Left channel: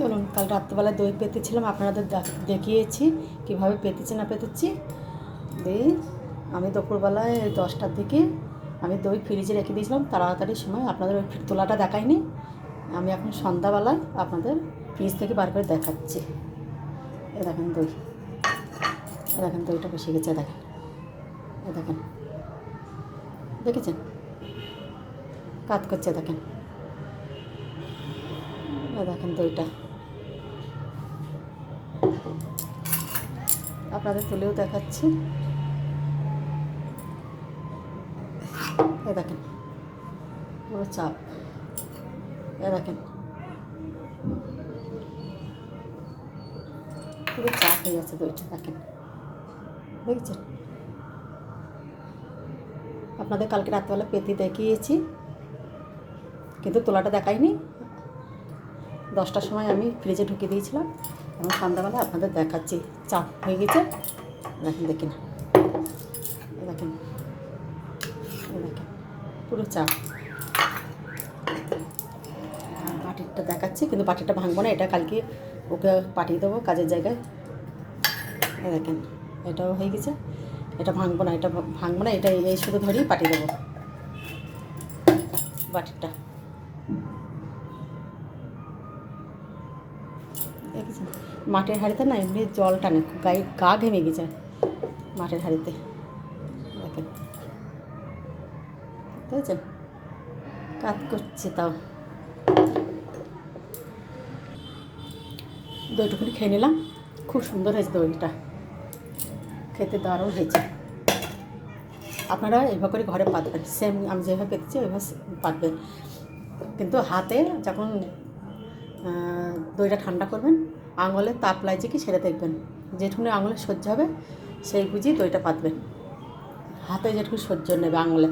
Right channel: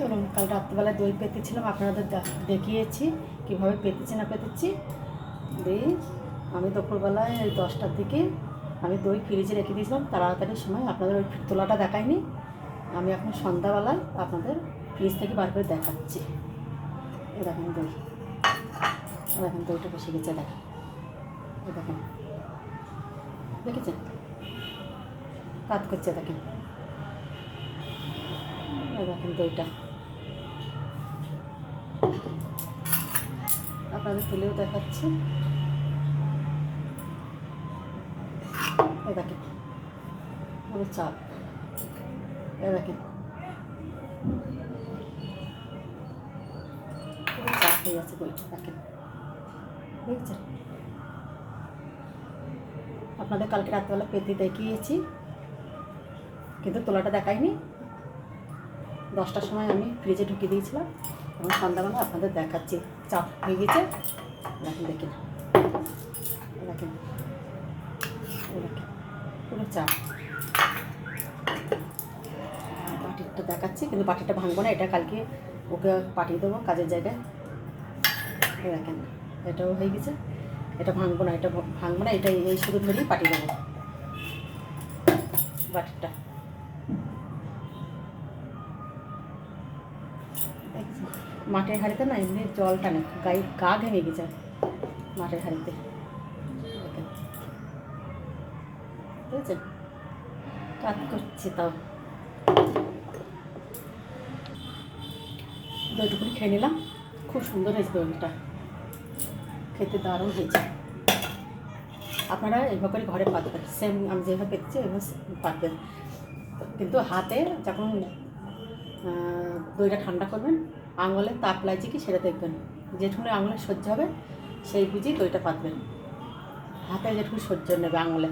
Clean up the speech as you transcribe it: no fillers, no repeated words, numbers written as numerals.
চলুন, কাল রাত্রিবেলায় দই পেতেছিলাম, আপনাদের দেখিয়েছি কীভাবে পেতেছি না পেতেছি। দিয়ে আমি দুপুরবেলায় 10টার দিকে আমি দই ফ্রিজে রেখে দিয়েছিলাম তাড়াতাড়ির সময়, আপনাদের ওই তোলাটা দেখাইনি। আমি এখন সন্ধ্যাবেলায় আপনাদের ফ্রিজ থেকে বার করে দেখাচ্ছি। এ দেখেন দই, দেখেন দইটা বসে গেছে, দেখেন এ দেখেন, দেখেছেন কাজ করছে, দেখেন এ দেখেন দইটা। আপনাদের তুলেও দেখাচ্ছি, এ দেখেন পুরো চাপ, এ দেখেন পুরো চাপ হয়ে যাচ্ছে দইটা, দেখেন দেখছেন। আপনাদের কালকে রাত্রেবেলা পেতে দেখিয়েছি কিন্তু তোলাটা দেখাইনি। 10টার সময় আমি ফ্রিজে ঢুকিয়ে দিয়েছিলাম, এবং সন্ধ্যাবেলা আপনাদের দেখাচ্ছি চাপ হয়ে গেছে, দেখেন দেখেন দেখেন দেখেন পুরো চাপ। বাটিটা দেখাচ্ছি কিন্তু বাটিটা ভাঙবো না, এটা কালকে ওকে পাঠিয়ে দেবো কাজের জায়গায়। দেখেন এটাও হয়ে গেছে, এটা ভাঙবো না, এটা ভাঙবো না, এটা এই শুধু ধরেই পাঠিয়ে দেবো বাটিটা। দেখেছেন মাটির হাঁড়িতে না এমনি জল টানে, গায়ে গা ঘেমে গেছে মাটির হাঁড়িতে, দেখেন বুঝেছেন কাজ করছে। তাও দইটুকুনি খেয়ে নিলাম, খুব সুন্দর হয়েছে দইটা, খেতে দারুণ হয়েছে। আপনারা এইভাবে করে ঘরে পাতবেন, সেম আমি যেভাবে পেতেছি ওইভাবে পাতবেন, কিন্তু হাতে যখন দইটা ঠান্ডা করবেন আঙুলে তাপ লাগছে কি সেটা দেখবেন, যেটুকুনি আঙুলে সহ্য হবে সেই বুঝি দইটা পাতবেন, হাতে যেটুকু সহ্য নেবে আঙুলে।